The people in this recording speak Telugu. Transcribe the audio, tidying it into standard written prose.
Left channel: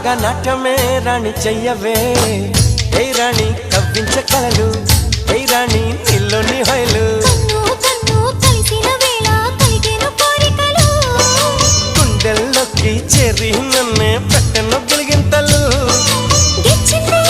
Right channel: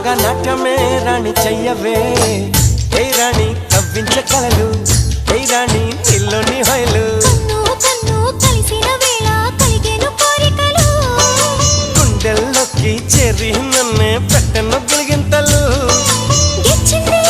నాగా నాట్యమే రాణి చెయ్యవే ఏ రాణి కవ్వించ కలలు ఏ రాణి నీలోని హొయలు కన్ను కన్ను కలిసిన వేళ కలిగేను కోరికలు గుండెల్లోకి చేరి నన్నే పెట్టెను గిలిగింతలు గిచ్చింది